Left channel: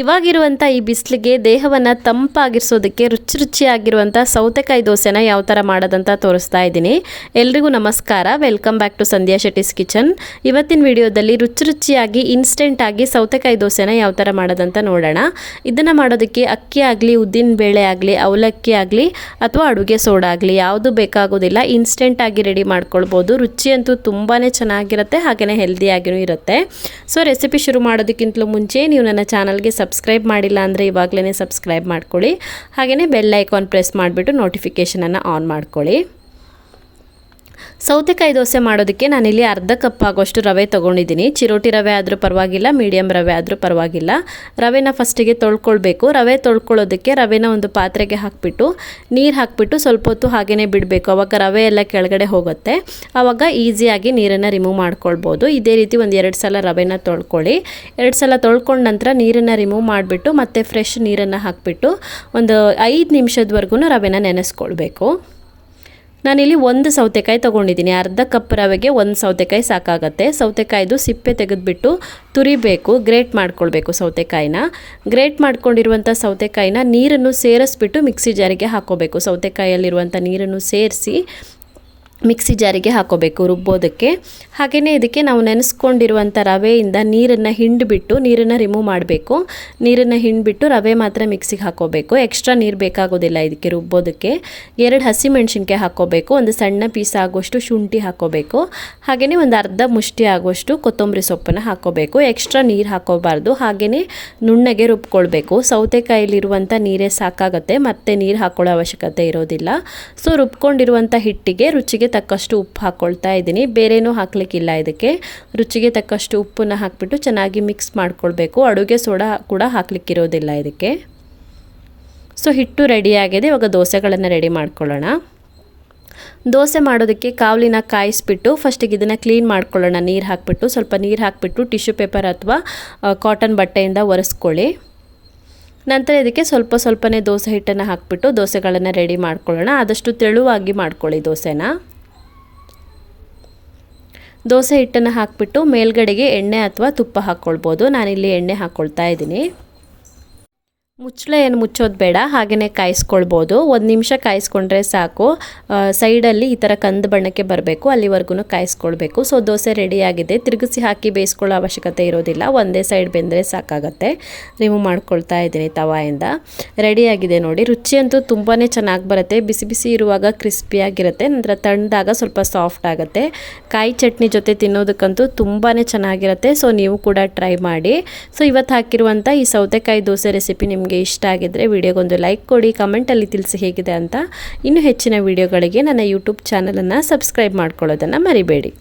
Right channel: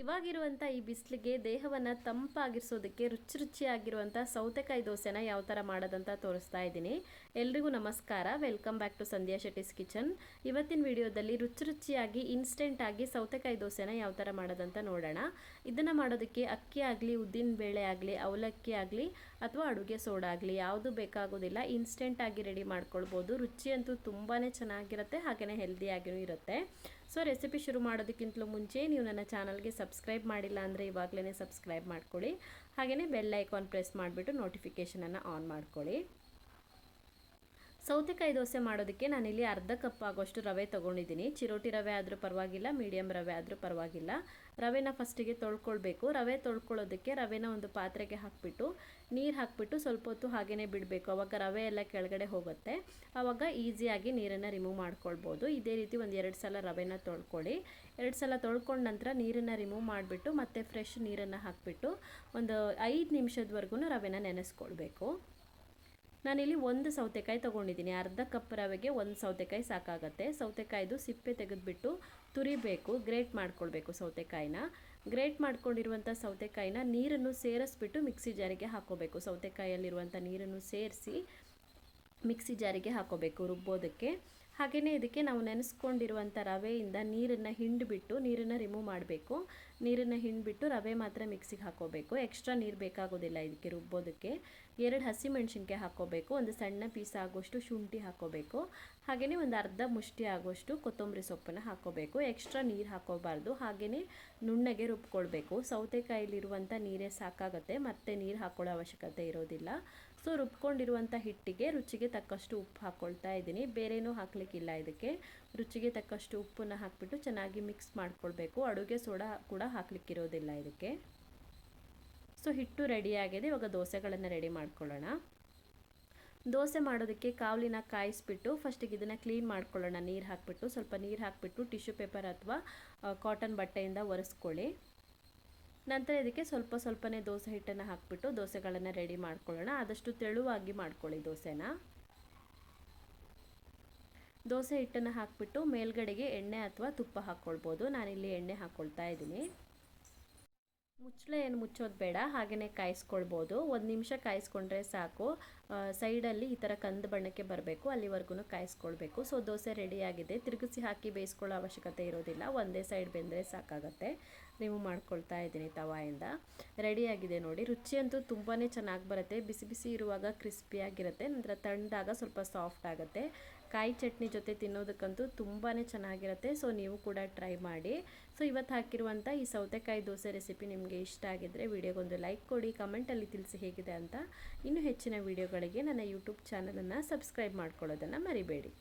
ಇವಾಗಿರುವಂಥ ಈ ಬಿಸಿಲಿಗೆ ದೇಹವನ್ನು ತಂಪಾಗಿರಿಸೋದಕ್ಕೆ ರುಚಿಯಾಗಿರುವಂಥ ಸೌತೆಕಾಯಿ ದೋಸೆನ ಯಾವ ಥರ ಮಾಡೋದಂತ ತೋರಿಸ್ತಾ ಇದ್ದೀನಿ. ಎಲ್ರಿಗೂ ನಮಸ್ಕಾರ, welcome back to Sandhya Shetty's kitchen. ಇವತ್ತಿನ ವಿಡಿಯೋದಲ್ಲಿ ರುಚಿಯಾಗಿ ಇನ್ಸ್ಟೆಂಟಾಗಿ ಸೌತೆಕಾಯಿ ದೋಸೆನ ಯಾವ ಥರ ಮಾಡೋದಂತ ನೋಡೋಣ. ಇದನ್ನು ಮಾಡೋದಕ್ಕೆ ಅಕ್ಕಿ ಆಗಲಿ, ಉದ್ದಿನ ಬೇಳೆ ಆಗಲಿ, ಅವಲಕ್ಕಿ ಆಗಲಿ ಅಥವಾ ಅಡುಗೆ ಸೋಡಾ ಆಗಲಿ ಯಾವುದು ಬೇಕಾಗೋದಿಲ್ಲ. ಇನ್ಸ್ಟೆಂಟಾಗಿ ರೆಡಿ ಮಾಡ್ಕೊಳ್ಬೋದು. ರುಚಿ ಅಂತೂ ತುಂಬಾ ಚೆನ್ನಾಗಿರುತ್ತೆ, ಹಾಗೆಯೇ ಹೆಲ್ದಿಯಾಗಿಯೂ ಇರುತ್ತೆ. ಸೊ ರೆಸಿಪಿ ಶುರು ಮಾಡೋದಕ್ಕಿಂತಲೂ ಮುಂಚೆ ನೀವು ನನ್ನ ಚಾನಲ್ಗೆ ಸಬ್ಸ್ಕ್ರೈಬ್ ಮಾಡಿಲ್ಲ ಅಂದರೆ ಇವಾಗಲೇ ಸಬ್ಸ್ಕ್ರೈಬ್ ಮಾಡ್ಕೊಳ್ಳಿ. ಹಾಗೆಯೇ ಬೆಲ್ ಐಕಾನ್ ಪ್ರೆಸ್ ಮಾಡಿಬಿಟ್ಟು ನೋಟಿಫಿಕೇಷನನ್ನು ಆನ್ ಮಾಡ್ಕೊಳ್ಳಿ. ಸೌತೆಕಾಯಿ ದೋಸೆ ಮಾಡೋದಕ್ಕೆ ನಾನಿಲ್ಲಿ ಅರ್ಧ ಕಪ್ ಆಗೋಷ್ಟು ರವೆ ತೊಗೊಂಡಿದ್ದೀನಿ. ಚಿರೋಟಿ ರವೆ ಆದರೂ ಪರವಾಗಿಲ್ಲ, ಮೀಡಿಯಮ್ ರವೆ ಆದರೂ ಪರವಾಗಿಲ್ಲ. ರವೆನ ಫಸ್ಟಿಗೆ ತೊಳ್ಕೊಳ್ಬೇಕು. ರವೆ ತೊಳ್ಕೊಳ್ಳೋದಕ್ಕೆ ರವೆನ ಒಂದು ಪಾತ್ರೆಗೆ ಹಾಕಿಬಿಟ್ಟು ನೀರು ಹಾಕಿಬಿಟ್ಟು ಸ್ವಲ್ಪ ಹೊತ್ತು ಹಾಗೆಯೇ ಬಿಡಬೇಕು. ಆವಾಗ ರವೆ ಎಲ್ಲ ಕೆಳಗಡೆ ಹೋಗುತ್ತೆ. ಆವಾಗ ಈಸಿಯಾಗಿ ನೀರನ್ನು ರಿಮೂವ್ ಮಾಡ್ಕೊಳ್ಬೋದು. ಇದೇ ರೀತಿ ಒಂದು 2 ಸಲ ರವೆನ ತೊಳ್ಕೊಳ್ಳಿ. 2 ಸಲ ತೊಳ್ಕೊಂಡ ನಂತರ ನೀರನ್ನು ರಿಮೂವ್ ಮಾಡಿಬಿಟ್ಟು ಮತ್ತೆ ಫ್ರೆಶ್ ನೀರನ್ನು ಹಾಕಿಬಿಟ್ಟು ಒಂದು 5 ನಿಮಿಷದವರೆಗೂ ರವೆನ ನೆನೆಸ್ಕೊಳ್ಬೇಕು. ನಾನಿಲ್ಲಿ ಒಂದು ಸೌತೆಕಾಯಿ ತೊಗೊಂಡಿದ್ದೀನಿ. ಅರ್ಧ ಕಪ್ ರವೆಗೆ ಒಂದು ಸೌತೆಕಾಯಿ ಸಾಕಾಗತ್ತೆ. ಸೌತೆಕಾಯ್ದು ಸಿಪ್ಪೆ ತೆಗೆದುಬಿಟ್ಟು ತುರಿಬೇಕು, ಗ್ರೇಟ್ ಮಾಡ್ಕೊಳ್ಬೇಕು. ಸೌತೆಕಾಯಿನ ಗ್ರೇಟ್ ಮಾಡ್ಕೊಂಡಿರುವಂಥ ಸೌತೆಕಾಯಿನ ನೀರನ್ನು ಸೇರಿಸ್ಬಿಟ್ಟು ಮಿಕ್ಸಿ ಜಾರಿಗೆ ಹಾಕ್ಕೋಬೇಕು. ಸೌತೆಕಾಯಲ್ಲಿರುವಂಥ ನೀರನ್ನು ಸೇರಿಸಿ ಮಿಕ್ಸಿ ಜಾರಿಗೆ ಹಾಕೋಬೇಕು ರುಬ್ಬೋದಕ್ಕೆ. ಹಾಗೆಯೇ ಇದಕ್ಕೆ ನಾವು ನೆನೆಸ್ಕೊಂಡಿರುವಂಥ ರವೆಯಿಂದ ನೀರನ್ನು ಹಿಂಡಿಬಿಟ್ಟು ನೀರನ್ನು ರಿಮೂವ್ ಮಾಡಬೇಕು. ನೀರನ್ನು ಹಿಂಡಿಬಿಟ್ಟು ರವೆ ಮಾತ್ರ ಮಿಕ್ಸಿಗೆ ಹಾಕೋಬೇಕು. ಎಕ್ಸ್ಟ್ರಾ ನೀರು ಬೇಕಾಗೋದಿಲ್ಲ ಇದಕ್ಕೆ ರುಬ್ಬೋದಕ್ಕೆ. 2 ಹಸಿಮೆಣಸಿನ್ಕಾಯಿ ಹಾಕೋಬೇಕು. ಒಂದು ಸಣ್ಣ ಪೀಸ್ ಆಗುವಷ್ಟು ಶುಂಠಿ ಹಾಕೋಬೇಕು. ಹಾಗೆಯೇ ಒಂದು ಅರ್ಧ ಮುಷ್ಟಿ ಆಗುವಷ್ಟು ಕೊತ್ತಂಬರಿ ಸೊಪ್ಪನ್ನು ಹಾಕೋಬೇಕು. ಎಕ್ಸ್ಟ್ರಾ ನೀರು ಹಾಕೋಬಾರ್ದು. ಹಾಗೆಯೇ ನುಣ್ಣಗೆ ರುಬ್ಕೊಳ್ಬೇಕು. ಸೌತೆಕಾಯಿಲಿರುವಂಥ ನೀರೇ ಸಾಕಾಗುತ್ತೆ, ಮತ್ತೆ ನೀರು ಹಾಕೊಳ್ಳೋ ಅವಶ್ಯಕತೆ ಇರೋದಿಲ್ಲ. ಸೊ ರುಬ್ಕೊಂಡಿರುವಂಥ ಹಿಟ್ಟಿಗೆ ರುಚಿಗೆ ತಕ್ಕಷ್ಟು ಉಪ್ಪು ಹಾಕ್ಕೊಳ್ತಾ ಇದ್ದೀನಿ. ಬೇರೇನೂ ಹಾಕ್ಲಿಕ್ಕಿಲ್ಲ. ಇದಕ್ಕೆ ರುಚಿಗೆ ತಕ್ಕಷ್ಟು ಉಪ್ಪನ್ನು ಹಾಕಿಬಿಟ್ಟು ಚೆನ್ನಾಗಿ ಮಿಕ್ಸ್ ಮಾಡ್ಕೊಳ್ಬೇಕು. ಅಡುಗೆ ಸೋಡಾ ಕೂಡ ಹಾಕ್ಲಿಕ್ಕಿರೋದಿಲ್ಲ ಇದಕ್ಕೆ. ಸೊ ಹಿಟ್ಟು ರೆಡಿಯಾಗಿದೆ. ಇವಾಗ ದೋಸೆಗಳನ್ನು ರೆಡಿ ಮಾಡ್ಕೊಳ್ಳೋಣ. ದೋಸೆ ಮಾಡೋದಕ್ಕೆ ಕಾವಲಿನ ಕಾಯಿಸ್ಬಿಟ್ಟು ಫಸ್ಟಿಗೆ ಇದನ್ನು ಕ್ಲೀನ್ ಮಾಡ್ಕೊಳ್ಳೋಣ. ನೀರು ಹಾಕಿಬಿಟ್ಟು ಸ್ವಲ್ಪ ನೀರು ಹಾಕಿಬಿಟ್ಟು ಟಿಶ್ಯೂ ಪೇಪರ್ ಅಥವಾ ಕಾಟನ್ ಬಟ್ಟೆಯಿಂದ ಒರೆಸ್ಕೊಳ್ಳಿ. ನಂತರ ಇದಕ್ಕೆ ಸ್ವಲ್ಪನೇ ದೋಸೆ ಹಿಟ್ಟನ್ನು ಹಾಕಿಬಿಟ್ಟು ದೋಸೆಗಳನ್ನು ರೆಡಿ ಮಾಡ್ಕೊಳ್ಳೋಣ. ಆದಷ್ಟು ತೆಳುವಾಗಿ ಮಾಡ್ಕೊಳ್ಳಿ ದೋಸೆನ. ದೋಸೆ ಹಿಟ್ಟನ್ನು ಹಾಕಿಬಿಟ್ಟು ಮೇಲ್ಗಡೆಗೆ ಎಣ್ಣೆ ಅಥವಾ ತುಪ್ಪ ಹಾಕ್ಕೊಳ್ಬೋದು. ನಾನಿಲ್ಲಿ ಎಣ್ಣೆ ಹಾಕ್ಕೊಳ್ತಾ ಇದ್ದೀನಿ. ಮುಚ್ಚಳ ಏನು ಮುಚ್ಚೋದು ಬೇಡ, ಹಾಗೆಯೇ ಕಾಯಿಸ್ಕೊಳ್ಬೋದು. 1 ನಿಮಿಷ ಕಾಯಿಸ್ಕೊಂಡ್ರೆ ಸಾಕು. ಸೈಡಲ್ಲಿ ಈ ಥರ ಕಂದು ಬಣ್ಣಕ್ಕೆ ಬರಬೇಕು, ಅಲ್ಲಿವರೆಗೂ ಕಾಯಿಸ್ಕೊಳ್ಬೇಕು. ಸೊ ದೋಸೆ ರೆಡಿಯಾಗಿದೆ. ತಿರುಗಿಸಿ ಹಾಕಿ ಬೇಯಿಸ್ಕೊಳ್ಳೋ ಅವಶ್ಯಕತೆ ಇರೋದಿಲ್ಲ. ಒಂದೇ ಸೈಡ್ ಬೆಂದರೆ ಸಾಕಾಗತ್ತೆ. ರಿಮೂವ್ ಮಾಡ್ಕೊಳ್ತಾ ಇದ್ದೀನಿ ತವಾಯಿಂದ. ರೆಡಿಯಾಗಿದೆ ನೋಡಿ. ರುಚಿ ಅಂತೂ ತುಂಬಾ ಚೆನ್ನಾಗಿ ಬರುತ್ತೆ. ಬಿಸಿ ಬಿಸಿ ಇರುವಾಗ ಕ್ರಿಸ್ಪಿಯಾಗಿರುತ್ತೆ, ನಂತರ ತಣ್ಣದಾಗ ಸ್ವಲ್ಪ ಸಾಫ್ಟ್ ಆಗುತ್ತೆ. ಕಾಯಿ ಚಟ್ನಿ ಜೊತೆ ತಿನ್ನೋದಕ್ಕಂತೂ ತುಂಬಾ ಚೆನ್ನಾಗಿರುತ್ತೆ. ಸೊ ನೀವು ಕೂಡ ಟ್ರೈ ಮಾಡಿ. ಸೊ ಇವತ್ತು ಹಾಕಿರುವಂಥ ಈ ಸೌತೆಕಾಯಿ ದೋಸೆ ರೆಸಿಪಿ ನಿಮಗೆ ಇಷ್ಟ ಆಗಿದ್ದರೆ ವಿಡಿಯೋಗೊಂದು ಲೈಕ್ ಕೊಡಿ, ಕಮೆಂಟಲ್ಲಿ ತಿಳಿಸಿ ಹೇಗಿದೆ ಅಂತ. ಇನ್ನೂ ಹೆಚ್ಚಿನ ವಿಡಿಯೋಗಳಿಗೆ ನನ್ನ ಯೂಟ್ಯೂಬ್ ಚಾನಲನ್ನು ಸಬ್ಸ್ಕ್ರೈಬ್ ಮಾಡ್ಕೊಳ್ಳೋದನ್ನು ಮರಿಬೇಡಿ.